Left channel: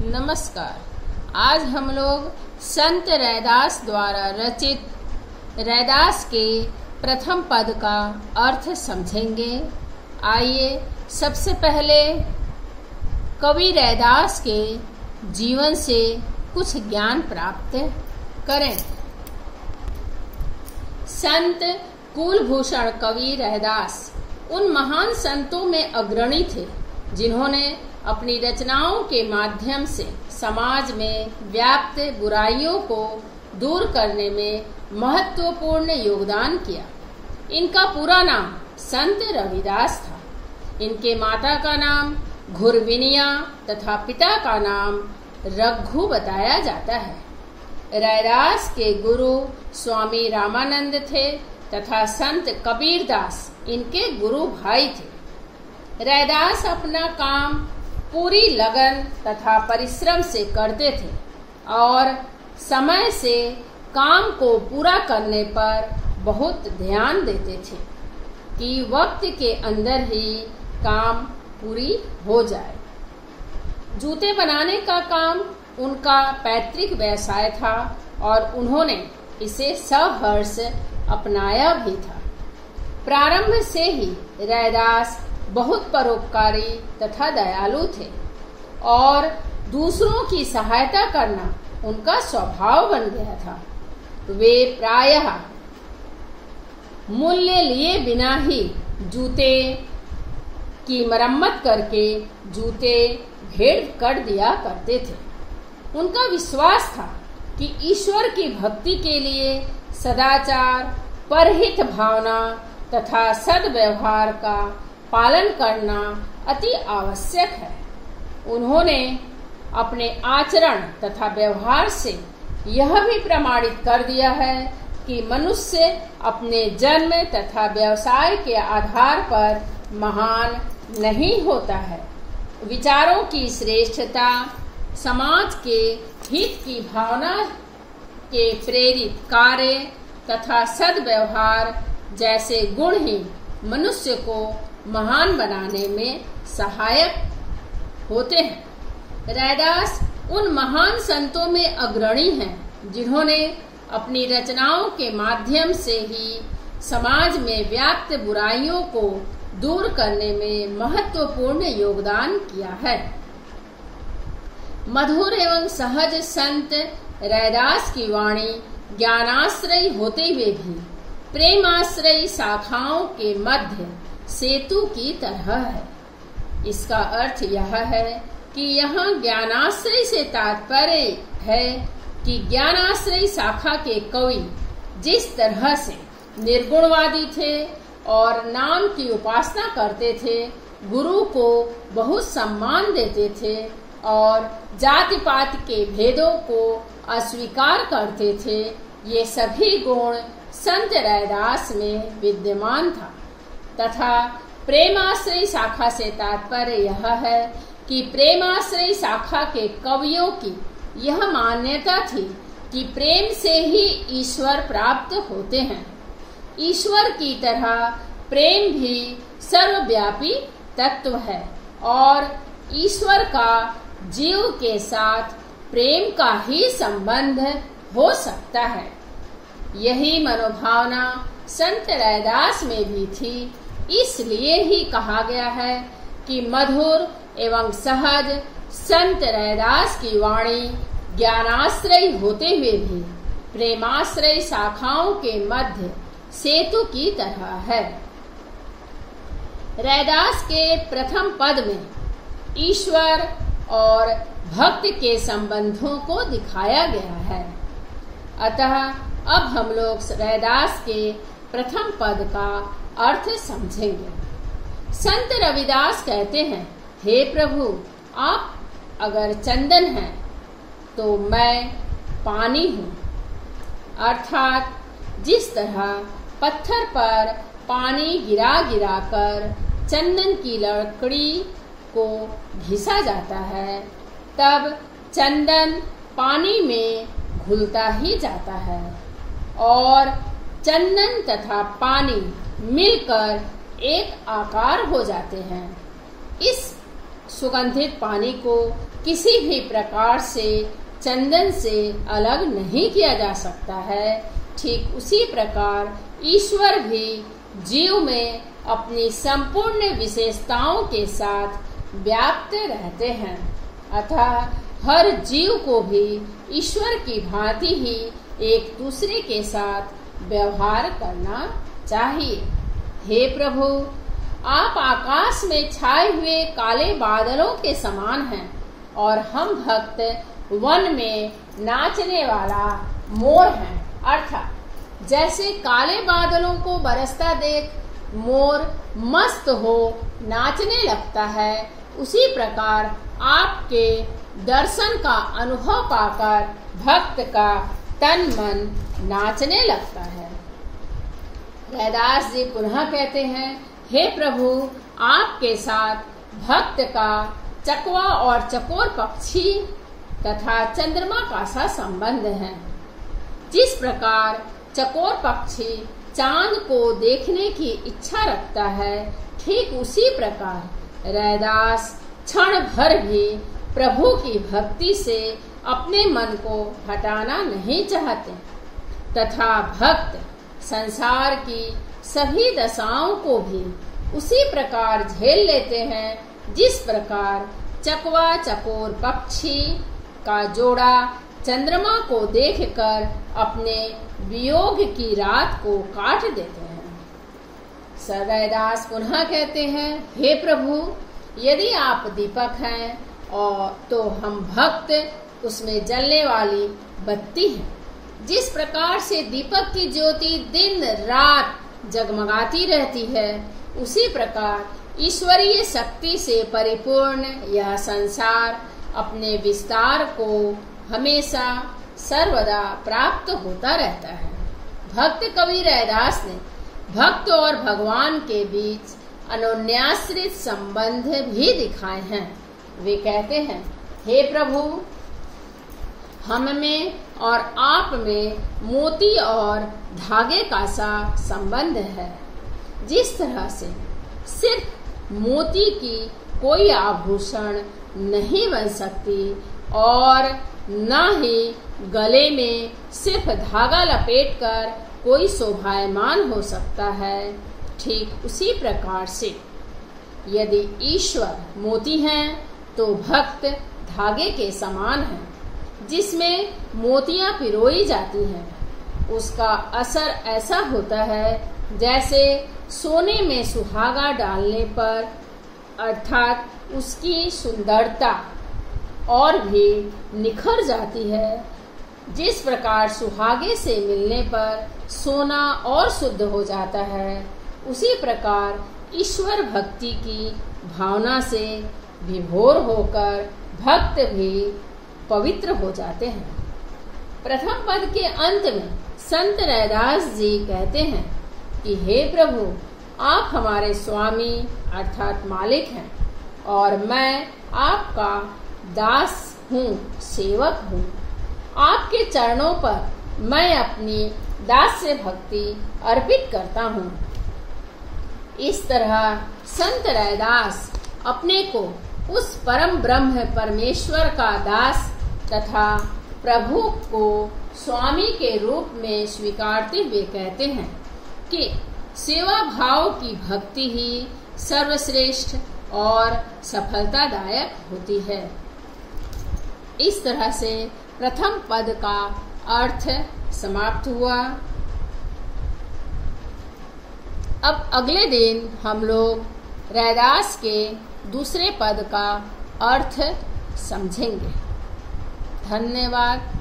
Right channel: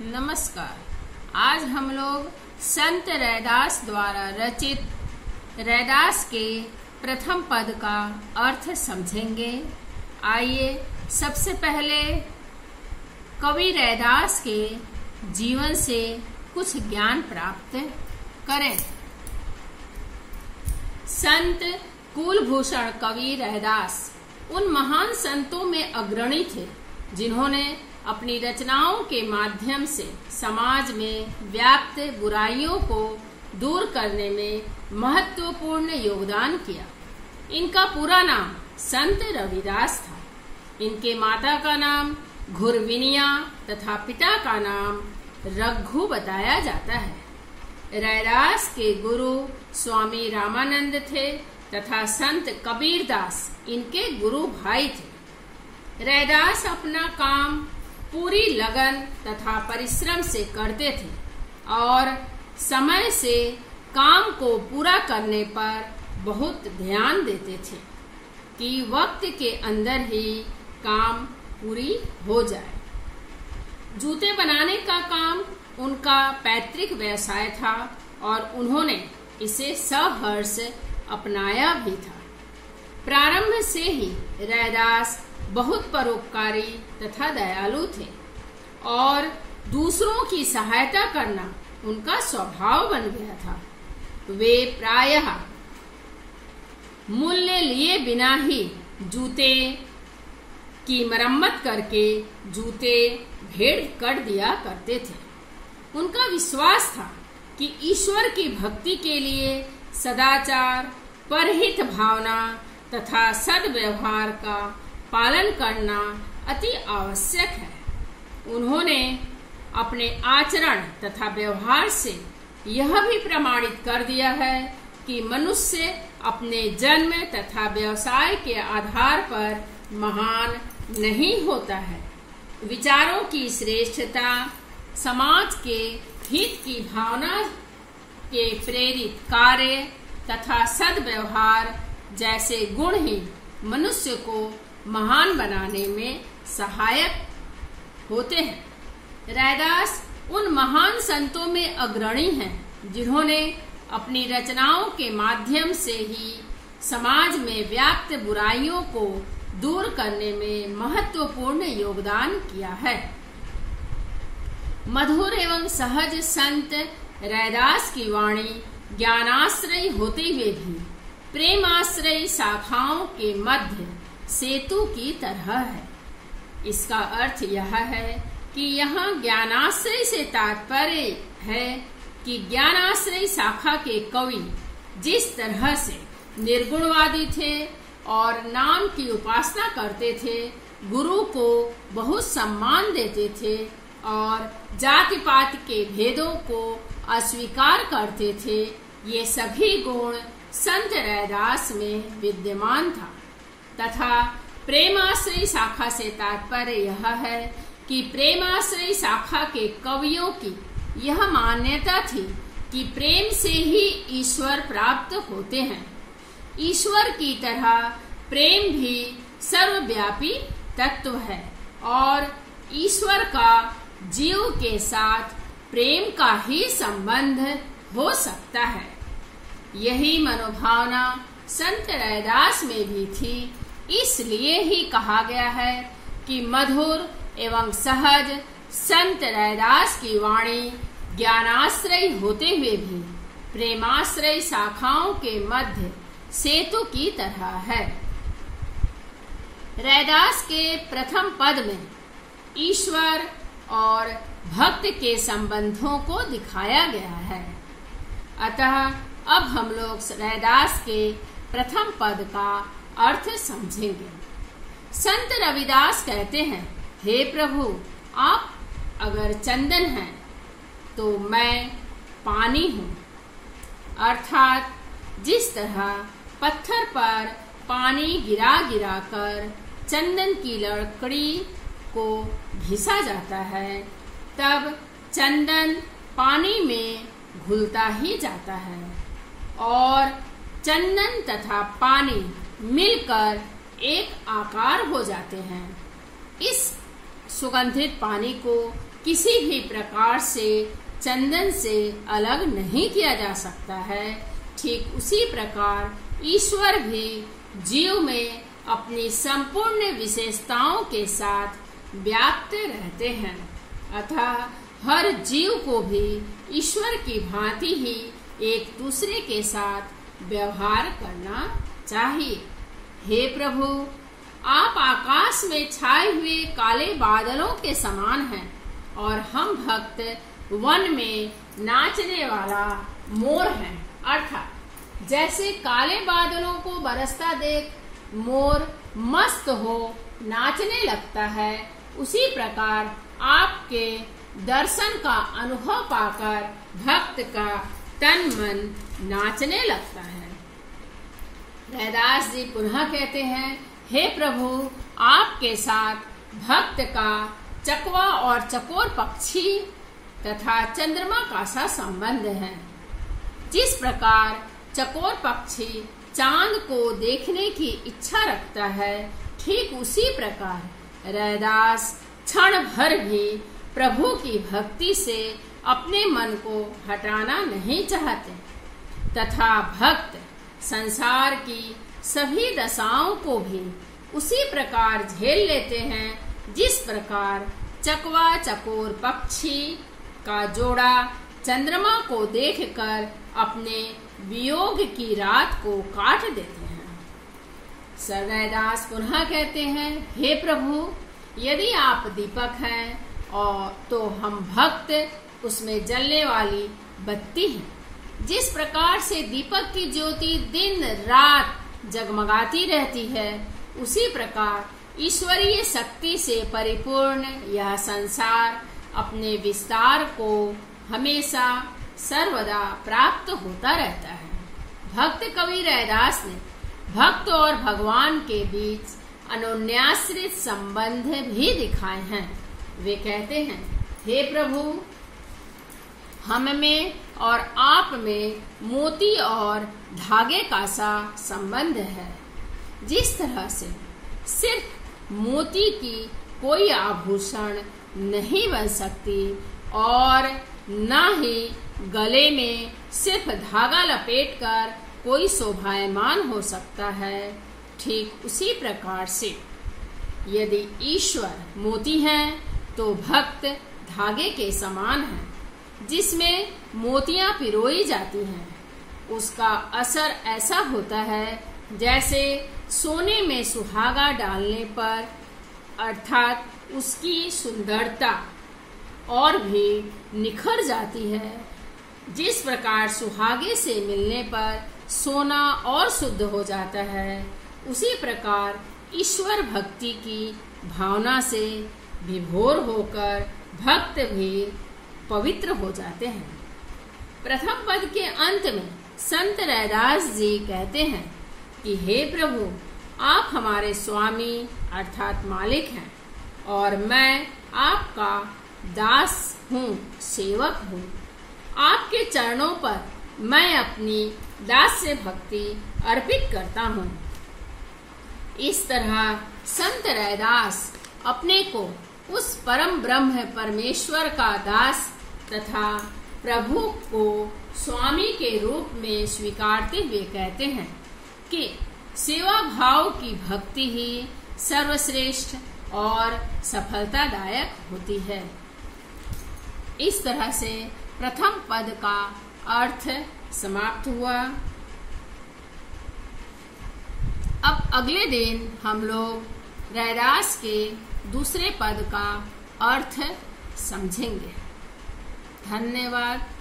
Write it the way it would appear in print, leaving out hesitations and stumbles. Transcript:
नमस्कार। आज हम लोग संत रैदास द्वारा रचित रैदास के प्रथम पद का अर्थ समझेंगे। आइए सबसे पहले कवि रैदास के जीवन से कुछ ज्ञान प्राप्त करें। संत कुलभूषण कवि रैदास उन महान संतों में अग्रणी थे जिन्होंने अपनी रचनाओं के माध्यम से समाज में व्याप्त बुराइयों को दूर करने में महत्वपूर्ण योगदान किया। इनका पूरा नाम संत रविदास था। इनके माता का नाम घुरविनिया तथा पिता का नाम रघु बताया जाता है। रैदास के गुरु स्वामी रामानंद थे तथा संत कबीरदास इनके गुरु भाई थे। रैदास अपना काम पूरी लगन तथा परिश्रम से करते थे और समय से काम को पूरा करने पर बहुत ध्यान देते थे कि वक्त के अंदर ही काम पूरी हो जाए। जूते बनाने का काम उनका पैतृक व्यवसाय था और उन्होंने इसे सहर्ष अपनाया भी था। प्रारंभ से ही रैदास बहुत परोपकारी तथा दयालु थे और दूसरों की सहायता करना उनका स्वभाव बन गया था। वे प्रायः मूल्य लिए बिना ही जूते की मरम्मत करके जूते भेंट कर दिया करते थे। उनका विश्वास था कि ईश्वर की भक्ति के लिए सदाचार, परहित भावना तथा सद्व्यवहार का पालन करना अति आवश्यक है। उन्होंने अपने आचरण तथा व्यवहार से यह भी प्रमाणित कर दिया है कि मनुष्य अपने जन्म तथा व्यवसाय के आधार पर महान नहीं होता है। विचारों की श्रेष्ठता, समाज के हित की भावना के प्रेरित कार्य तथा सद्व्यवहार जैसे गुण ही मनुष्य को महान बनाने में सहायक होते हैं। रैदास उन महान संतों में अग्रणी हैं जिन्होंने अपनी रचनाओं के माध्यम से ही समाज में व्याप्त बुराइयों को दूर करने में महत्वपूर्ण योगदान किया है। मधुर एवं सहज संत रैदास की वाणी ज्ञानाश्रयी होते हुए भी प्रेमाश्रयी शाखाओं के मध्य सेतु की तरह है। इसका अर्थ यह है कि यहाँ ज्ञानाश्रय से तात्पर्य है कि ज्ञानाश्रयी शाखा के कवि जिस तरह से निर्गुणवादी थे और नाम की उपासना करते थे, गुरु को बहुत सम्मान देते थे और जाति पात के भेदों को अस्वीकार करते थे, ये सभी गुण संत रैदास में विद्यमान था। तथा प्रेमाश्रयी शाखा से तात्पर्य यह है कि प्रेमाश्रयी शाखा के कवियों की यह मान्यता थी कि प्रेम से ही ईश्वर प्राप्त होते हैं। ईश्वर की तरह प्रेम भी सर्वव्यापी तत्व है और ईश्वर का जीव के साथ प्रेम का ही संबंध हो सकता है। यही मनोभावना संत रैदास में भी थी। इसलिए ही कहा गया है कि मधुर एवं सहज संत रैदास की वाणी ज्ञानाश्रयी होते हुए भी प्रेमाश्रयी शाखाओं के मध्य सेतु की तरह है। रैदास के प्रथम पद में ईश्वर और भक्त के संबंधों को दिखाया गया है। अतः अब हम लोग रैदास के प्रथम पद का अर्थ समझेंगे। संत रविदास कहते हैं, हे प्रभु, आप अगर चंदन हैं तो मैं पानी हूँ। अर्थात जिस तरह पत्थर पर पानी गिरा गिरा कर चंदन की लकड़ी को घिसा जाता है, तब चंदन पानी में घुलता ही जाता है और चंदन तथा पानी मिलकर एक आकार हो जाते हैं। इस सुगंधित पानी को किसी भी प्रकार से चंदन से अलग नहीं किया जा सकता है, ठीक उसी प्रकार ईश्वर भी जीव में अपनी संपूर्ण विशेषताओं के साथ व्याप्त रहते हैं। अतः हर जीव को भी ईश्वर की भांति ही एक दूसरे के साथ व्यवहार करना चाहिए। हे प्रभु, आप आकाश में छाए हुए काले बादलों के समान हैं और हम भक्त वन में नाचने वाला मोर हैं। अर्थात जैसे काले बादलों को बरसता देख मोर मस्त हो नाचने लगता है, उसी प्रकार आपके दर्शन का अनुभव पाकर भक्त का तन मन नाचने लगता है। रैदास जी पुनः कहते हैं, हे प्रभु, आपके साथ भक्त का चकवा और चकोर पक्षी तथा चंद्रमा का सा संबंध है। जिस प्रकार चकोर पक्षी चांद को देखने की इच्छा रखता है, ठीक उसी प्रकार रैदास क्षण भर भी प्रभु की भक्ति से अपने मन को हटाना नहीं चाहते तथा भक्त संसार की सभी दशाओं को भी उसी प्रकार झेल लेते हैं जिस प्रकार चकवा चकोर पक्षी का जोड़ा चंद्रमा को देखकर अपने वियोग की रात को काट देते हैं। रैदास पुनः कहते हैं, हे प्रभु, यदि आप दीपक हैं और तो हम भक्त उसमें जलने वाली बत्ती हैं। जिस प्रकार से दीपक की ज्योति दिन रात जगमगाती रहती है, उसी प्रकार ईश्वरीय शक्ति से परिपूर्ण यह संसार अपने विस्तार को हमेशा सर्वदा प्राप्त होता रहता है। भक्त कवि रैदास ने भक्त और भगवान के बीच अनन्याश्रित संबंध भी दिखाए हैं। वे कहते हैं, हे प्रभु, हम में और आप में मोती और धागे का सा संबंध है। जिस तरह से सिर्फ मोती की कोई आभूषण नहीं बन सकती और न ही गले में सिर्फ धागा लपेटकर कोई शोभायमान हो सकता है, ठीक उसी प्रकार से यदि ईश्वर मोती हैं तो भक्त धागे के समान हैं, जिसमें मोतियां पिरोई जाती हैं। उसका असर ऐसा होता है जैसे सोने में सुहागा डालने पर, अर्थात उसकी सुंदरता और भी निखर जाती है। जिस प्रकार सुहागे से मिलने पर सोना और शुद्ध हो जाता है, उसी प्रकार ईश्वर भक्ति की भावना से विभोर होकर भक्त भी पवित्र हो जाते हैं। प्रथम पद के अंत में संत रैदास जी कहते हैं कि हे प्रभु, आप हमारे स्वामी अर्थात मालिक हैं और मैं आपका दास हूँ, सेवक हूँ। आपके चरणों पर मैं अपनी दास्य भक्ति अर्पित करता हूँ। इस तरह संत रैदास अपने को उस परम ब्रह्म परमेश्वर का दास तथा प्रभु को स्वामी के रूप में स्वीकारते हुए कहते हैं कि सेवा भाव की भक्ति ही सर्वश्रेष्ठ और सफलतादायक होती है। इस तरह से प्रथम पद का अर्थ समाप्त हुआ। अब अगले दिन हम लोग रैदास के दूसरे पद का अर्थ समझेंगे। धन्यवाद।